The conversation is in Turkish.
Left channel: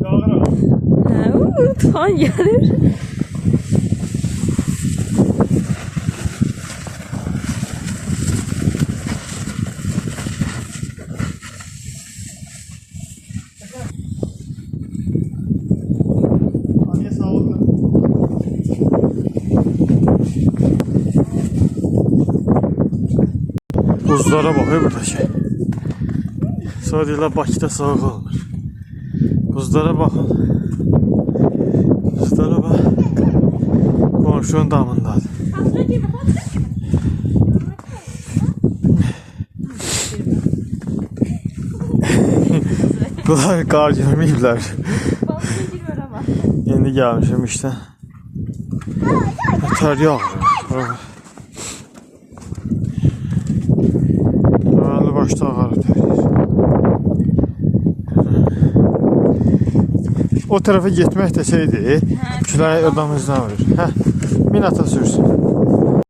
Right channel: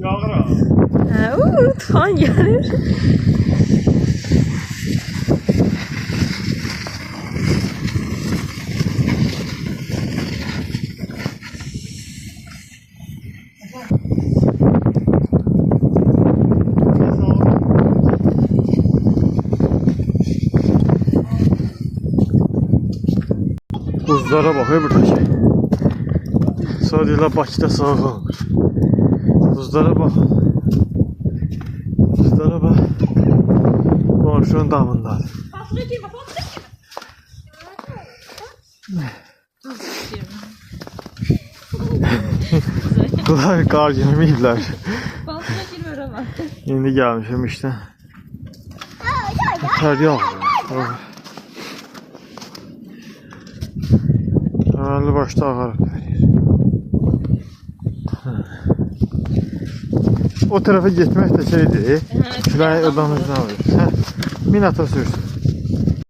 Yağır ha. Tufan gelir. Buzlara bakıyor buradaki. Sadece Bakıda soğuk olur. Buzlara bakın. Buzlara bak. Komşunun damındadır. Bunlar qar görməyiblər. İndi gəlmişim işte. Tər yağmır. Ağırlı başta ağardı. O tarafa gitmek de şeydi. Külay odamızdan alır. Min ata sürsün.